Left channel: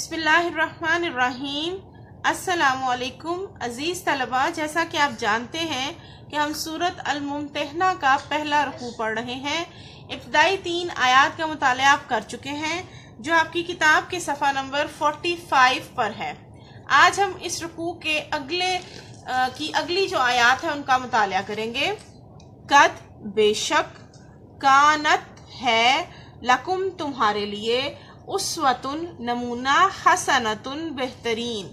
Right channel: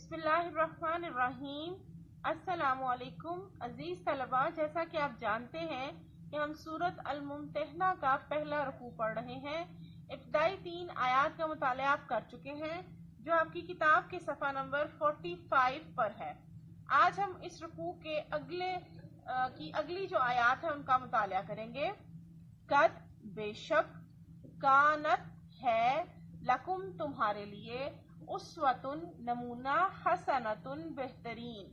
بسم اللہ الرحمن الرحیم۔ السلام علیکم عزیز طلبہ، جیسا کہ آپ جانتے ہیں کہ ہم سورۃ الممتحنہ کا پہلا رکوع پڑھ رہے ہیں۔ ابتدائی 3 آیات کا مطالعہ آپ کر چکے ہیں جو آپ کی کتاب کے صفحہ نمبر 45 پر ہے۔ آج ہم اس رکوع کے اگلی جو آیات ہیں ان کا مطالعہ کریں گے۔ قد بے شک، کانت ہے، لکم تمہارے لیے، اسوتن نمونہ، حسنتن بہترین،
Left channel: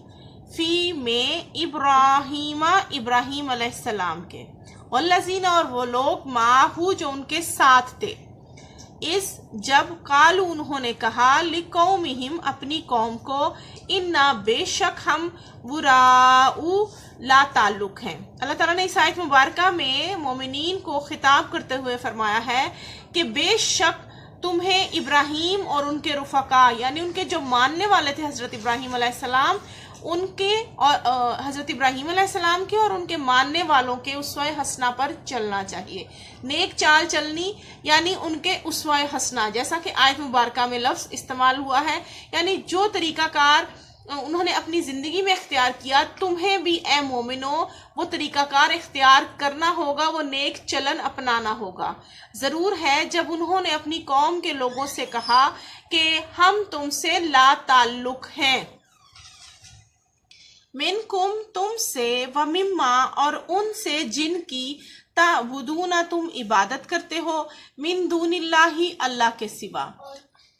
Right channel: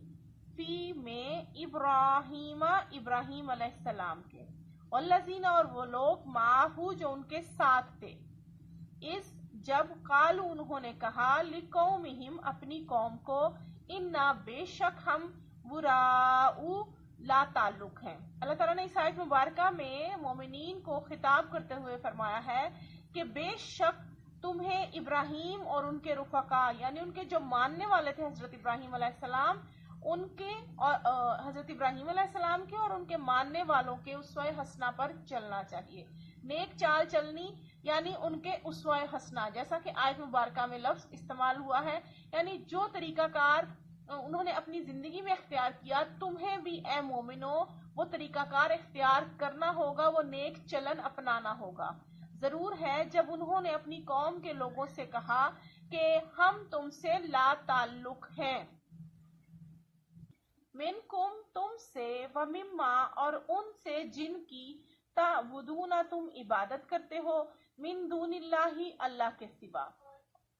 فی میں ابراہیم علیہ السلام کے، والذین اور وہ لوگ معہو جو ان کے ساتھ تھے، اس جب قالو انہوں نے کہا لقومہم اپنی قوم کو، انا بے شک ہم براء لا تعلق ہیں۔ اللہ تعالیٰ نے اس آیت مبارکہ میں مومنین کو خطاب کرتے ہوئے فرمایا ہے کہ بے شک تمہیں ابراہیم اور ان کے رفقا، یعنی ان کے جو ماننے والے تھے حضرت ابراہیم علیہ السلام، ان کے حضرت ابراہیم علیہ السلام کے اور ان کے ماننے والوں کے اسوہ حسنہ پر چلنا چاہیے۔ نیک چال چلنی یعنی ان کے اسوہ حسنہ، جیسا کہ آیت مبارکہ میں لفظ استعمال ہوا ہے، یعنی جو طریقہ کار انہوں نے اپنی زندگی میں اختیار کیا، تمہیں بھی اے مومنو وہ طریقہ کار اختیار کرنا ہوگا، وہ نیک چلن اپنانا ہوگا۔ ضرور ہے جب انہوں نے اپنی قوم کے لوگوں سے کہا کہ ہم تم سے لا تعلق ہیں، منکم تم سے، ومما اور ان سے جن کی تعبدون تم عبادت کرتے ہو، من دون اللہ اللہ کے سوا،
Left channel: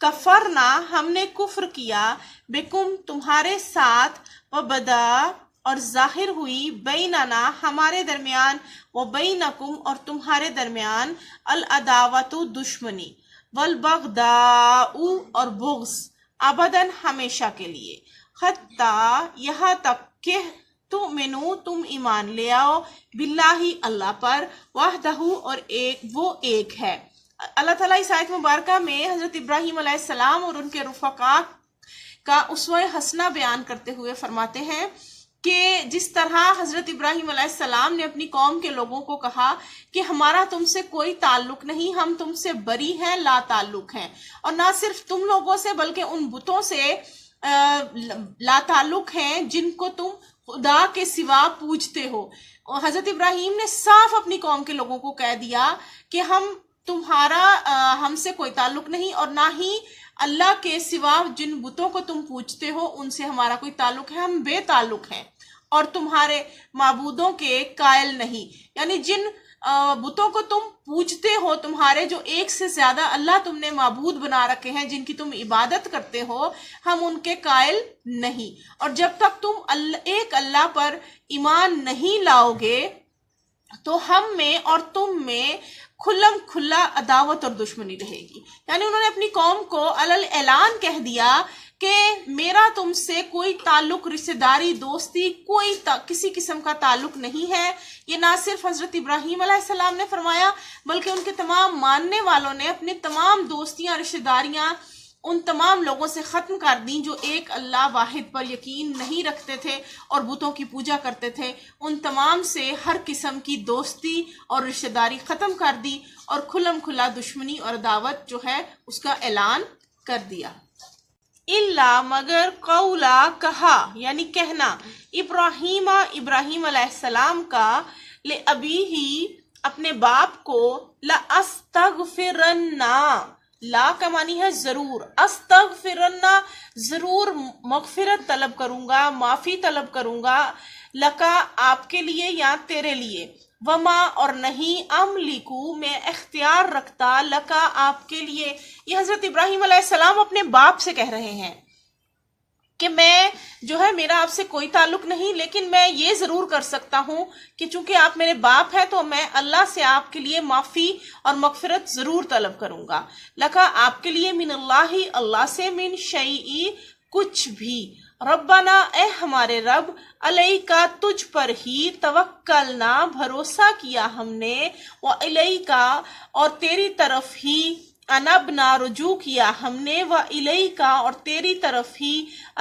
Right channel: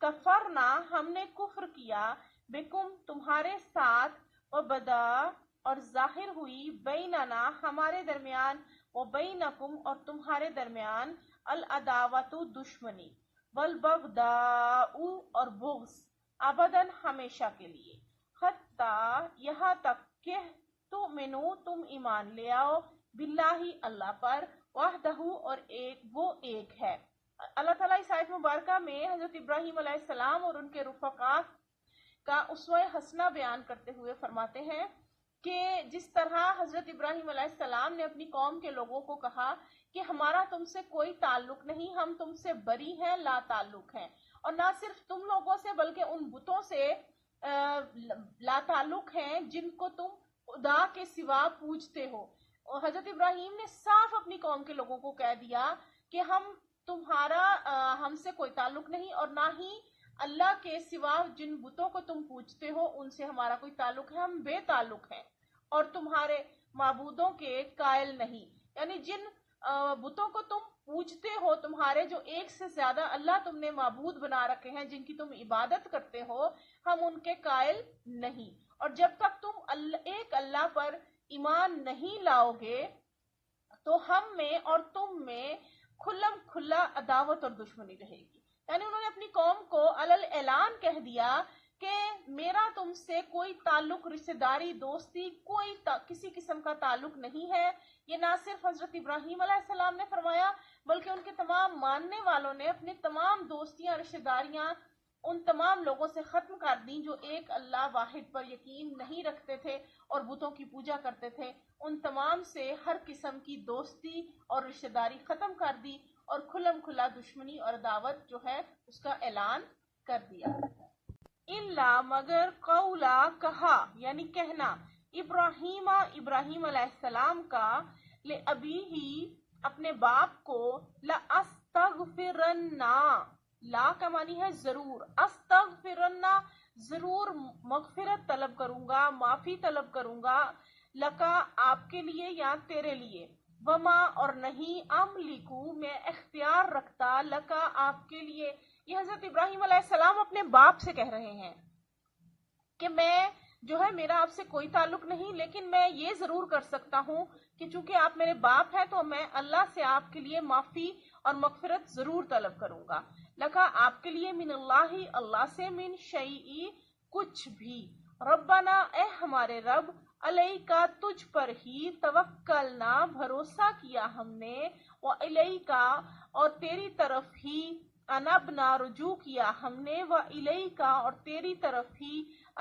کفرنا ہم نے کفر کیا، بکم تمہارے ساتھ، وبدا اور ظاہر ہوئی، بیننا ہمارے درمیان، وبینکم اور تمہارے درمیان، العداوت دشمنی، والبغضاء اور بغض، ابداً ہمیشہ کے لیے، حتیٰ یہاں تک کہ تؤمنو تم ایمان لے آؤ، باللہ اللہ پر، وحدہ اور وہ ایک ہے۔ اللہ تعالیٰ اس آیت مبارکہ میں حضرت ابراہیم علیہ السلام اور ان کے رفقا کا اسوہ حسنہ بیان کرتے ہوئے فرماتے ہیں کہ جس طرح حضرت ابراہیم علیہ السلام نے اپنی قوم کے لوگوں کو کہا کہ ہمارا تم سے کوئی تعلق نہیں، ہم تم سے بری ہیں، لا تعلق ہیں، اور نہ صرف تم لوگوں سے بلکہ ان بتوں سے لا تعلق ہیں جن کو تم خدا کے سوا پوجتے ہو۔ اور حضرت ابراہیم نے صاف اپنی قوم کے لوگوں کو کہہ دیا کہ ہم سے کوئی تعلق نہیں، اور نہ ہی اللہ کے سوا جن بتوں کو تم پوجتے ہو ان سے ہمارا کوئی تعلق ہے، ہم بے تعلق ہیں اور تمہارے معبودوں کے قائل نہیں، یعنی جن بتوں کو تم پوجتے ہو، تمہارے جو ایک سے زیادہ اللہ تم نے معبود بنا رکھے ہیں جن کی تم عبادت کرتے ہو، ہم ان کے قائل نہیں، اور جب تک تم ایک اللہ پر ایمان نہیں لاؤ گے تو ہم میں اور تم میں کھلم کھلا عداوت اور دشمنی رہے گی۔ یعنی انہوں نے اپنی قوم کو علل اعلان کہہ دیا کہ میرا تم سے کوئی تعلق، رشتہ داری، دوستی، کسی قسم کا تعلق نہیں ہے۔ یہ نہ صرف حضرت ابراہیم علیہ السلام نے فرمایا بلکہ ان کے تمام ماننے والوں نے اپنے تمام دوستیاں، رشتہ داریاں ان تمام لوگوں سے ختم کر دیں جو ایک اللہ واحد پر یقین نہیں رکھتے تھے اور بتوں کی پوجا کرتے تھے، ان تمام سے ہر قسم کی دوستی اور رشتہ داری ختم کر دی اور کھلم کھلا دشمنی اور عداوت جو ہے اس کا اعلان کر دیا۔ اللہ مگر قولا کہا، یعنی کہنا، ابراہیم علیہ السلام کا، لأبیہ اپنے باپ کو، لأستغفرن، لا کا معنی ہے ضرور، استغفرن ضرور مغفرت طلب کروں گا، معافی طلب کروں گا، لکا آپ کے لیے یا تیرے لیے، وما اور نہیں، املکو میں اختیار رکھتا، لکا آپ کے لیے۔ یہ حضرت ابراہیم علیہ السلام اپنے باپ سے کہہ رہے ہیں کہ میں جو ہے میرا آپ سے کوئی تعلق نہیں، لیکن میں یہ ضرور کر سکتا ہوں کہ چونکہ آپ میرے باپ ہیں تو میں اللہ سے آپ کے لیے معافی اور مغفرت ضرور طلب کروں گا، لکا آپ کے لیے، من اللہ اللہ سے، من شیئی کچھ بھی، ربنا اے ہمارے رب، علیکا تجھ پر ہی، توکلنا بھروسہ کیا ہم نے، وعلیکا اور تیری طرف ہی، انبنا رجوع کیا ہم نے، وعلیکا اور تیری طرف ہی،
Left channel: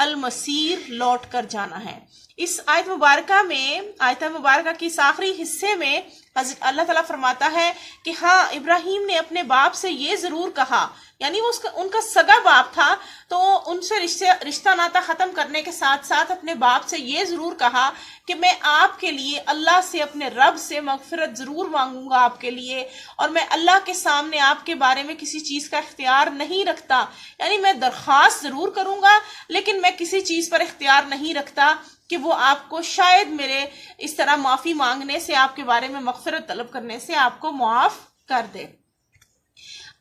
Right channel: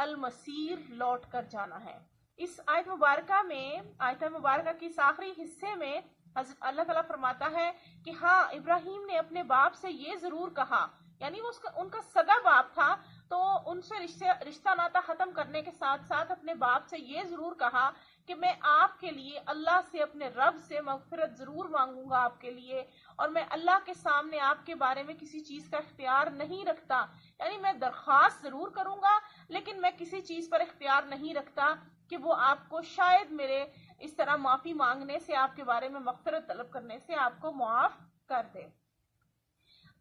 المصیر لوٹ کر جانا ہے۔ اس آیت مبارکہ کی اس آخری حصے میں اللہ تعالیٰ فرماتا ہے کہ ہاں ابراہیم نے اپنے باپ سے یہ ضرور کہا یعنی وہ ان کا سگا باپ تھا، تو ان سے رشتہ ناتا ختم کرنے کے ساتھ ساتھ اپنے باپ سے یہ ضرور کہا کہ میں آپ کے لیے اللہ سے، اپنے رب سے مغفرت ضرور مانگوں گا آپ کے لیے، اور میں اللہ کے سامنے آپ کے بارے میں کسی چیز کا اختیار نہیں رکھتا، یعنی میں درخواست ضرور کروں گا لیکن میں کسی چیز پر اختیار نہیں رکھتا کہ وہ آپ کو شاید میرے اس طرح معافی مانگنے سے، آپ کے بارے میں مغفرت طلب کرنے سے آپ کو معاف کر دے۔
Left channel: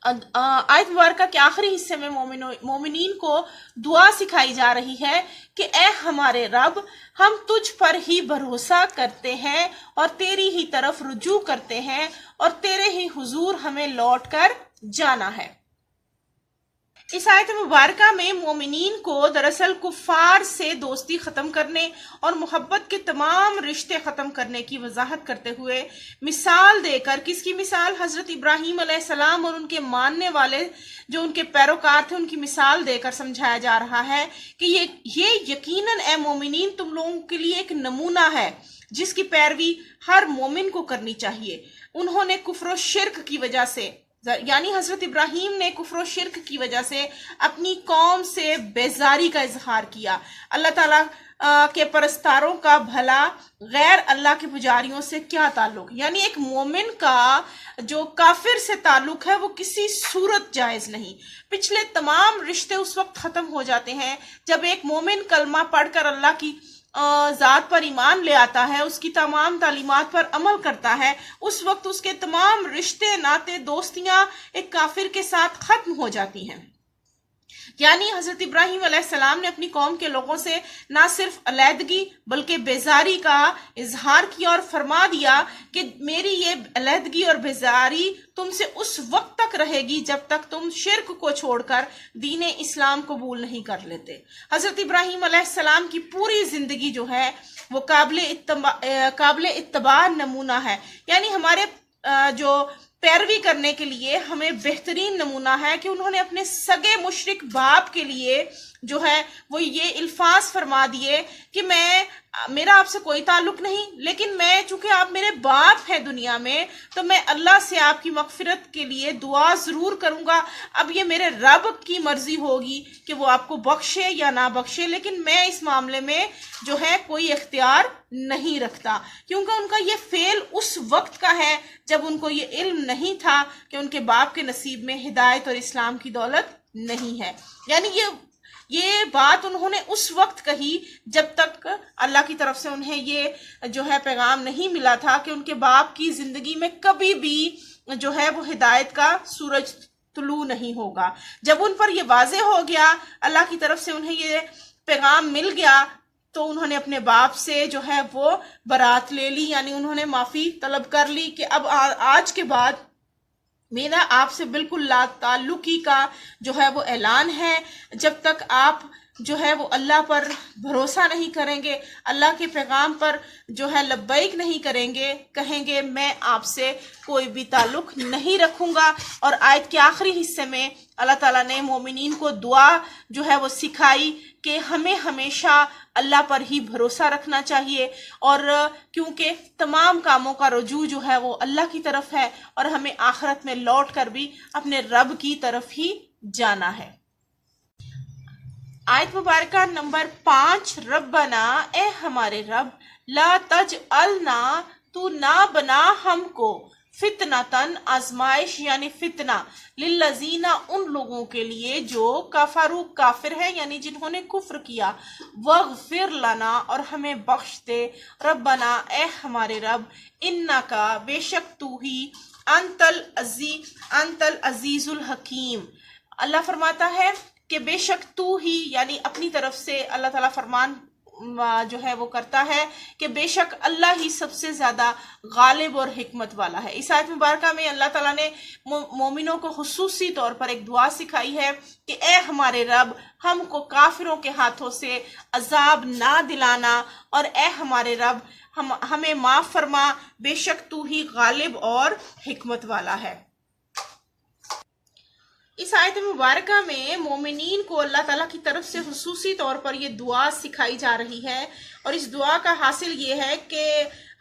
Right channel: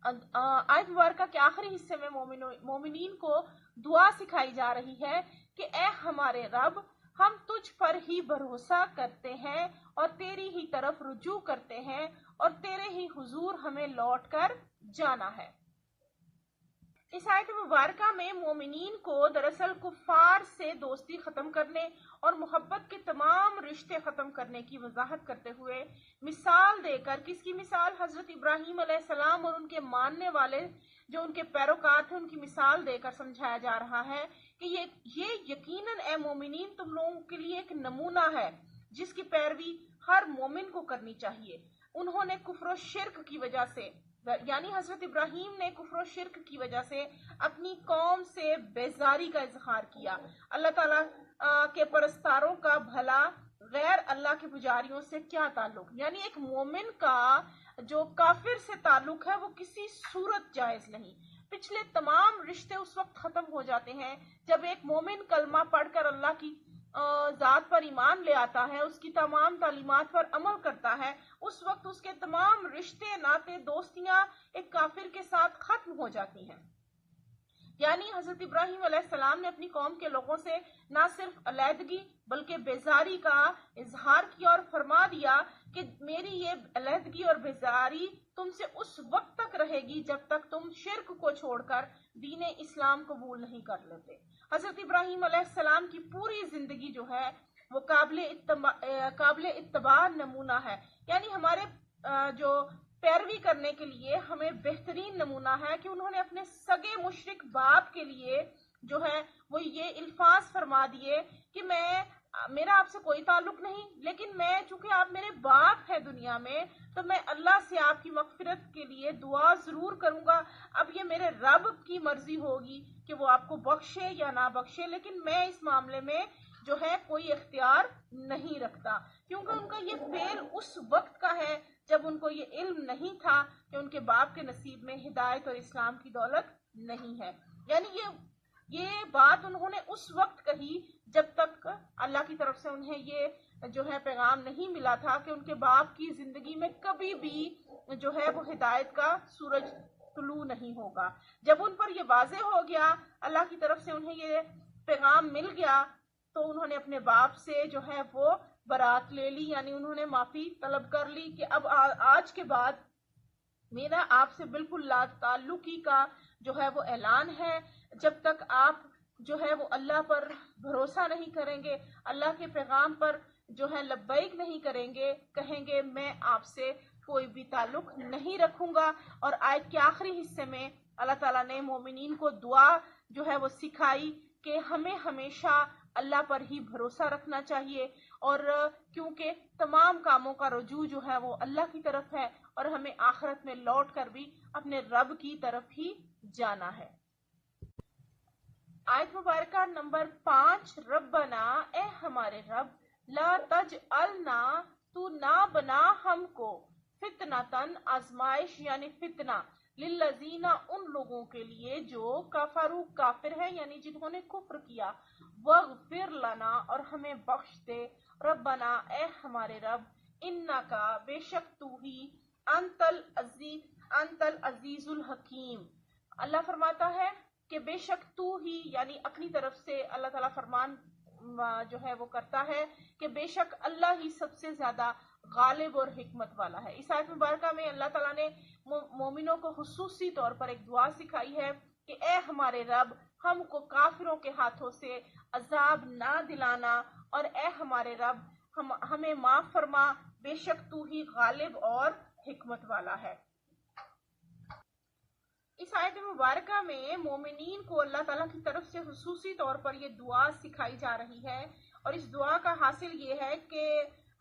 آیت مبارکہ کے آخری حصے میں مومنین کو دعا سکھائی جا رہی ہے کہ اے ہمارے رب، ہم تجھ پر ہی بھروسہ کرتے ہیں اور تیری ہی طرف رجوع کرتے ہیں اور تیرے ہی حضور ہمیں لوٹ کر جانا ہے۔ اس آیت مبارکہ میں مومنین کو دراصل کفار سے دوستی ختم کرنے اور محبت کے تمام رشتے ختم کرنے کی وضاحت کرتے ہوئے مثال دے کر، کس کی مثال؟ حضرت ابراہیم علیہ السلام اور ان کے ماننے والے جو ان کے پیروکار تھے، ان کی مثال دے کر سمجھایا جا رہا ہے کہ یہ یقیناً اے مومنین تم لوگوں کے لیے ایک نمونہ ہے جس کی پیروی ہر مومن کو کرنی چاہیے۔ انہوں نے کفر و شرک کی وجہ سے، یعنی حضرت ابراہیم نے کفر و شرک کی وجہ سے اپنی قوم سے بیزاری کا اظہار کیا۔ اللہ تعالیٰ کے پرستاروں کا بھلا غیر اللہ کے پجاریوں سے کیا تعلق؟ یعنی ایک مومن کا جو کافر سے تعلق ہے وہ کسی صورت جائز نہیں۔ پچھلے تمام رشتے اس وقت ختم ہو جاتے ہیں جب ایک مومن کلمہ پڑھ کر اللہ کی ذات پر ایمان لے آتا ہے، اس کی تمام تعلیمات پر عمل کرتا ہے، اس وقت اس کے تمام رشتے ناتے دوستیاں ایک کافر کے ساتھ ختم ہو جاتی ہیں۔ یعنی حضرت ابراہیم علیہ السلام نے اپنی قوم کے لوگوں سے نہ صرف علیحدگی بلکہ بیزاری کا اظہار کیا اور فرما دیا کہ میری یہ علیحدگی اور بیزاری تم سے اس وقت تک رہے گی جب تک تم شرک کو چھوڑ کر دین اسلام قبول نہیں کر لیتے۔ حضرت ابراہیم علیہ السلام کی پوری زندگی جو ہے وہ قابل اتباع نمونہ ہے، یعنی ہمارے جو پیروی کرنے کے لیے ہمیں بہترین نمونہ ہے کہ انہوں نے اپنے سگے مشرک باپ کے لیے جو ہے وہ یہ الفاظ فرما دیے کہ میرا آپ سے کوئی تعلق نہیں، لیکن میں چونکہ آپ میرے باپ ہیں دنیا میں تو میں اللہ سے آپ کی مغفرت کے لیے دعا ضرور کروں گا۔ اب یہ میرے رب کی مرضی ہوگی کہ وہ آپ کو بخشے یا نہ بخشے، لیکن میں اس معاملے میں جو ہے کوئی اختیار نہیں رکھتا، کیونکہ ان کا یہ فعل اس وقت کا ہے جب ان کو یہ علم نہیں تھا کہ ان کے باپ کے نصیب میں ہدایت اور اسلام کی دولت نہیں ہے۔ یعنی یہ بات انہوں نے اس وقت کہی جب تک اللہ کی طرف سے انہیں یہ جو ہے پیغام نہیں ملا تھا کہ ان کے باپ کی زندگی میں کبھی بھی جو ہے وہ ہدایت کا سورج طلوع نہیں ہوگا۔ جب ان پر یہ واضح ہو گیا، اللہ کی طرف سے انہیں یہ پیغام مل گیا، تو انہوں نے اپنے باپ سے جو ہے وہ برات لے لی، یعنی انہوں نے معافی طلب کر لی کہ اب آج کے بعد میرا آپ سے بالکل لا تعلقی کا جو ہے وہ اعلان ہے۔ جب تک آپ جو ہے وہ اللہ پر بھروسہ نہیں کریں گے، اللہ کے پیغام پر جو ہے لبیک نہیں کریں گے، کہیں گے میں آپ سے کوئی بھی تعلق نہیں رکھوں گا۔ اور آیت کے آخری حصے میں اللہ تعالیٰ نے مومنین کو دعا جو ہے وہ سکھائی کہ ہمیں ہمیشہ اللہ پر ہی بھروسہ رکھنا چاہیے، اور کیونکہ تمام کاموں کا رجوع جو ہے وہ اللہ کی طرف ہے، اور ہمیں آخرت میں لوٹ کر بھی اپنے رب کی طرف ہی جانا ہے۔ آیت مبارکہ نمبر 5، ربنا، اے ہمارے رب، لا تجعلنا، تو نہ بنا ہم کو، فتنتن، آزمائش یعنی فتنہ، للذین، ان لوگوں کے لیے جو کفروا، کافر ہے یعنی جنہوں نے کفر کیا، واغفر لنا، اور ہمیں بخش دے، ربنا، اے ہمارے رب، انکا، بے شک تو ہی، انت العزیز الحکیم۔ اللہ فرماتا ہے کہ بے شک تو ہی، یعنی اپنی طرف سے اللہ تعالیٰ فرمان جو ہے وہ کرتا ہے کہ بے شک اللہ ہی سب سے زیادہ غالب اور حکمت والا ہے۔ اس آیت مبارکہ میں اللہ تعالیٰ نے مومنوں کو خصوصی طور پر ایک دعا سکھائی ہے کہ اے ہمارے رب، ہم کو کافروں کے ہاتھوں سے عذاب نہ دلانا، اور اے ہمارے رب ہمیں معاف فرما، بے شک تو ہی غالب اور حکمت والا ہے۔ اس آیت مبارکہ میں مومنین کو اللہ تعالیٰ کی طرف سے خصوصی طور پر یہ دعا سکھائی جا رہی ہے، اور اس دعا کا حاصل یہ ہے کہ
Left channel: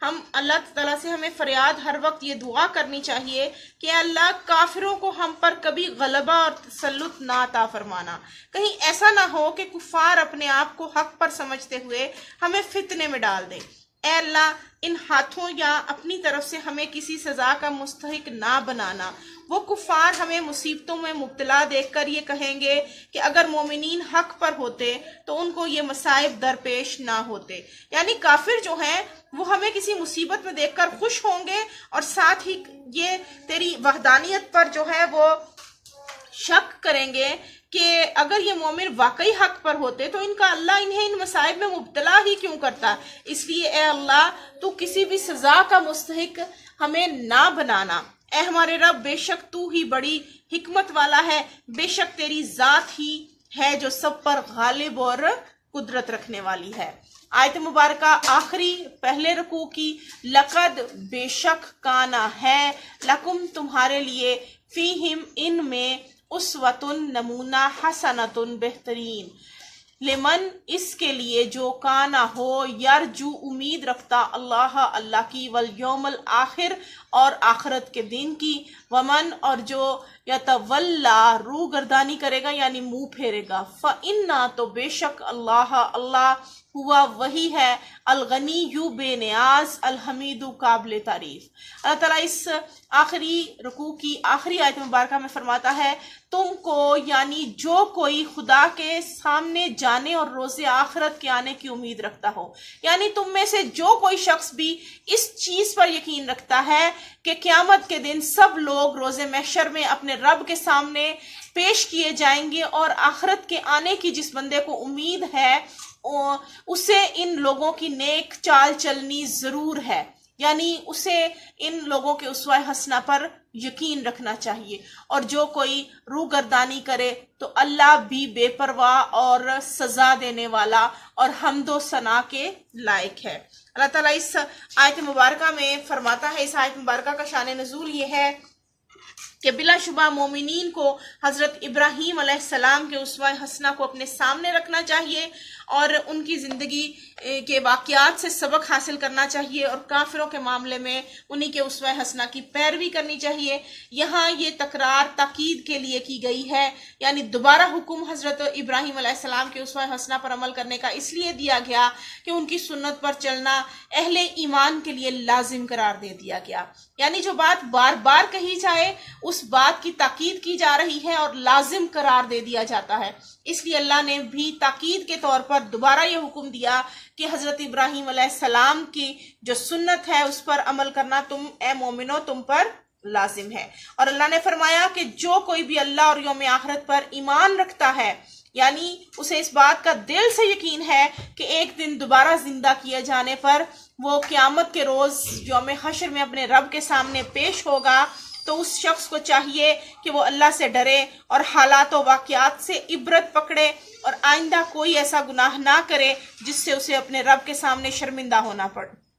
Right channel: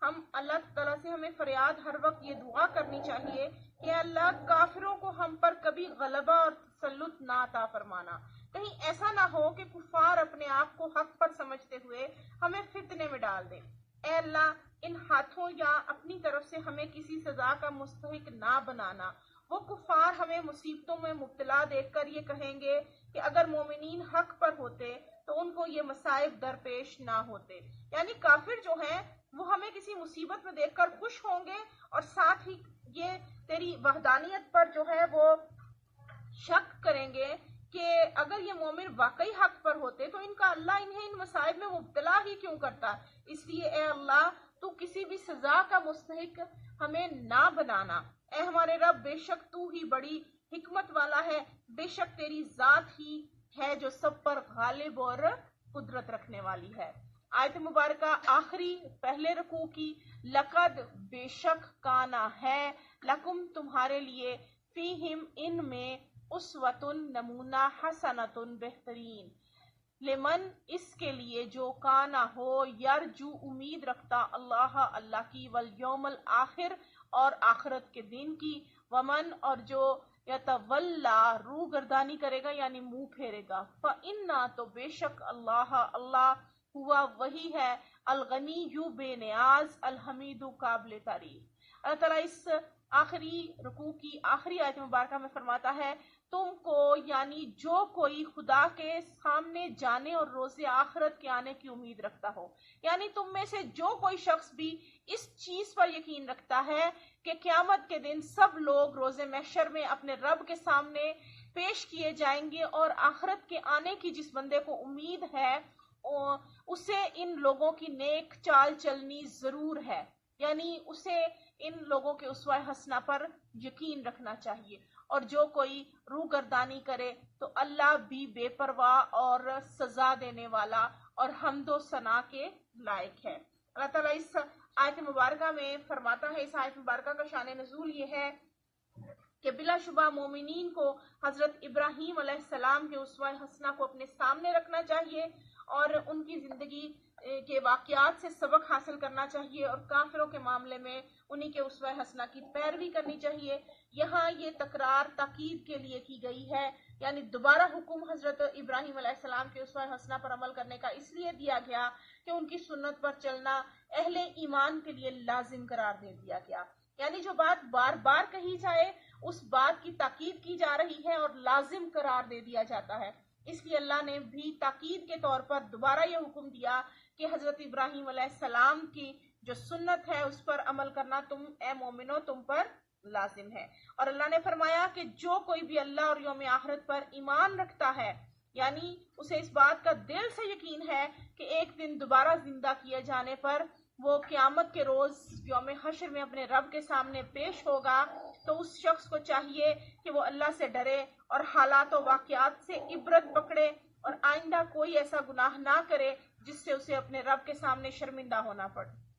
ہم اللہ تعالیٰ سے ہمیں فریاد ہر وقت یہ دعا کرنی چاہیے کہ اللہ کافروں کو ہم پر کبھی غلبہ اور تسلط نہ عطا فرمانا۔ کہیں ایسا نہ ہو کہ کفار اپنے آپ کو حق پر سمجھتے ہوئے ہمیں فتنے میں ڈال دیں۔ اے اللہ، ان ہاتھوں یا اپنی طرف سے ہمیں کسی سزا کا مستحق نہ بنانا۔ وہ کفار ہمیں مصیبتوں میں مبتلا دیکھ کر یہ کہیں گے کہ اگر مومنین حق پر ہوتے تو ان کو یہ مصائب درپیش نہ ہوتے۔ یعنی کافر جو ہیں وہ ہمیں کسی مصیبت میں دیکھ کر خوش ہوں گے، اور ساتھ ہی یہ تیری وحدانیت پر جو ہے وہ شک کریں گے کہ اگر یہ مومن واقعی حق پر ہوتے تو ان کا اللہ انہیں ان مصائب میں مبتلا ہی کیوں کرتا۔ اس لیے اے اللہ، تو کسی بھی سزا کا مستحق ہمیں نہ بنانا۔ اے ہمارے رب، بے شک تو ہی بڑی حکمت والا ہے، بے شک تیری ذات ہی ہے جو سب پر غالب اور قدرت رکھنے والی ہے۔ آیت مبارکہ آخری پہلے رکوع کی لقد بے شک کانا ہے لکم تمہارے لیے فیہم ان میں اسوتن نمونہ حسنتن بہترین لمن اس کے لیے جو کانا ہو یرجو امید رکھتا اللہ کی والیوم الآخر اور آخرت کے دن کی ومن اور جو یتولا روح گردانی کرے گا یعنی منہ پھیرے گا فإنا تو بے شک اللہ ہوا وہی ہے الغنی یو بے نیاز الحمید قابل تعریف۔ اللہ تعالیٰ اس آخری رکوع کی آخری آیت مبارکہ میں فرماتا ہے تم کو یعنی جو کوئی خدا کے سامنے جانے اور روز آخرت کے آنے کی امید رکھتا ہو، یعنی تم میں سے جو کوئی شخص بھی اس چیز پر یقین رکھتا ہے کہ قیامت کے دن سب لوگ روز محشر میں اپنے رب کے سامنے پیش کیے جائیں گے، اور آخرت کے آنے کی جس بندے کو امید ہے اسے ان لوگوں کی نیک چال چلنی ضرور ہے، یعنی اسے ان لوگوں کے اسوہ حسنہ پر یقین رکھنا چاہیے۔ اور جو کوئی روح گردانی کرے تو اللہ بھی بے پرواہ اور سزا دینے والا اور حمد و ثنا کے لائق ہے۔ اللہ تعالیٰ اس آیت مبارکہ میں فرماتا ہے، اس آیت مبارکہ کا شان نزول یہ ہے کہ بلا شبہ مومنین کو حضرت ابراہیم علیہ السلام کے اسوہ حسنہ کو اپنے سامنے رکھنا چاہیے اور ان کی زندگی کے واقعات سے سبق حاصل کرنا چاہیے، اور کافروں کے معاملے میں انہی کے اسوہ حسنہ کی پیروی کرنی چاہیے۔ یہاں یہ تکرار تاکید کے لیے کی گئی ہے، یعنی دوبارہ حکم حضرت ابراہیم علیہ السلام کے اسوہ حسنہ پر عمل کرنے کا اس لیے دیا گیا کہ ان کی سنت پر چلنا اہل ایمان کے لیے لازم قرار دے دیا گیا، یعنی جو بات بار بار کہی جائے اس بات کی تاکید کی جا رہی ہے اور لازم قرار دے دیا جاتا ہے۔ اس لیے اللہ نے بھی تاکید کے طور پر دوبارہ یہ حکم دیا کہ حضرت ابراہیم علیہ السلام کی جو سنت ہے اس پر عمل کرنا تم اے مومنو تم پر لازم ہے۔ اور اللہ نے فرمایا کہ جو کوئی بھی اللہ اور یوم آخرت پر ایمان رکھتا ہے، یعنی اسے اس بات کا دل سے یقین ہے کہ ایک دن دوبارہ زندہ کیے جانے پر وہ قیامت کے روز یوم حشر میں اپنے رب کے سامنے پیش ہوگا، تو اس شخص کو چاہیے کہ وہ اللہ سے ڈرے اور حالات و واقعات سے عبرت پکڑے اور آئندہ کوئی ایسا گناہ نہ کرے جس سے اسے اپنے رب کے سامنے شرمندہ ہونا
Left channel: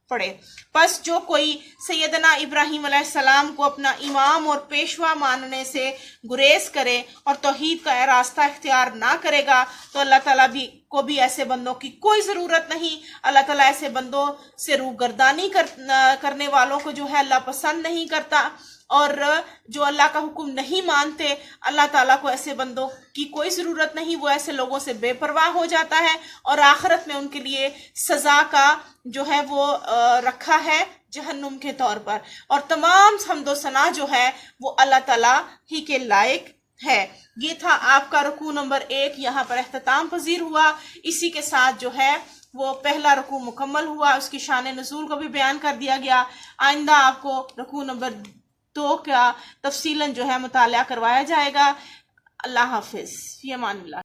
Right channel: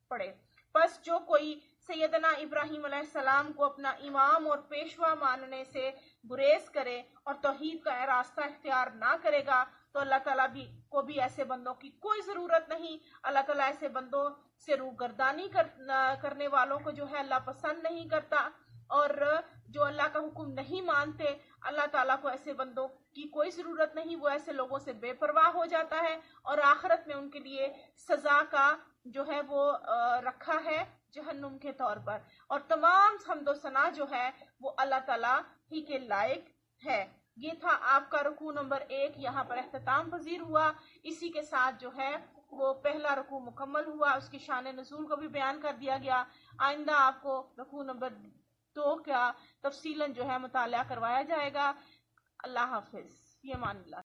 پڑے۔ پس جو کوئی سیدنا ابراہیم علیہ السلام کو اپنا امام اور پیشوا ماننے سے گریز کرے اور توحید کا راستہ اختیار نہ کرے گا تو اللہ تعالیٰ کو بھی ایسے بندوں کی کوئی ضرورت نہیں۔ اللہ تعالیٰ ایسے بندوں سے روگردانی کرنے والوں کو جو ہے اللہ پسند نہیں کرتا، اور جو اللہ کا حکم نہیں مانتے اللہ تعالیٰ کو ایسے بندوں کی کوئی ضرورت نہیں، وہ ایسے لوگوں سے بے پرواہ ہو جاتا ہے، اور آخرت میں ان کے لیے سزا کا جو ہے وہ رکھا ہے جہنم کے طور پر، اور تمام حمد و ثنا جو ہے وہ اللہ تعالیٰ ہی کے لائق ہے۔ یہ تھا آپ کا رکوع نمبر 1، یہاں پر اختتام پذیر ہوا۔ اسی کے ساتھ جو ہے وہ پہلا رکوع مکمل ہوا، اس کی شان نزول کو بھی بیان کر دیا گیا۔ آئندہ آپ کو رکوع نمبر 2 کا تفصیلاً جو ہے مطالعہ کروایا جائے گا۔ اللہ حافظ، فی امان اللہ۔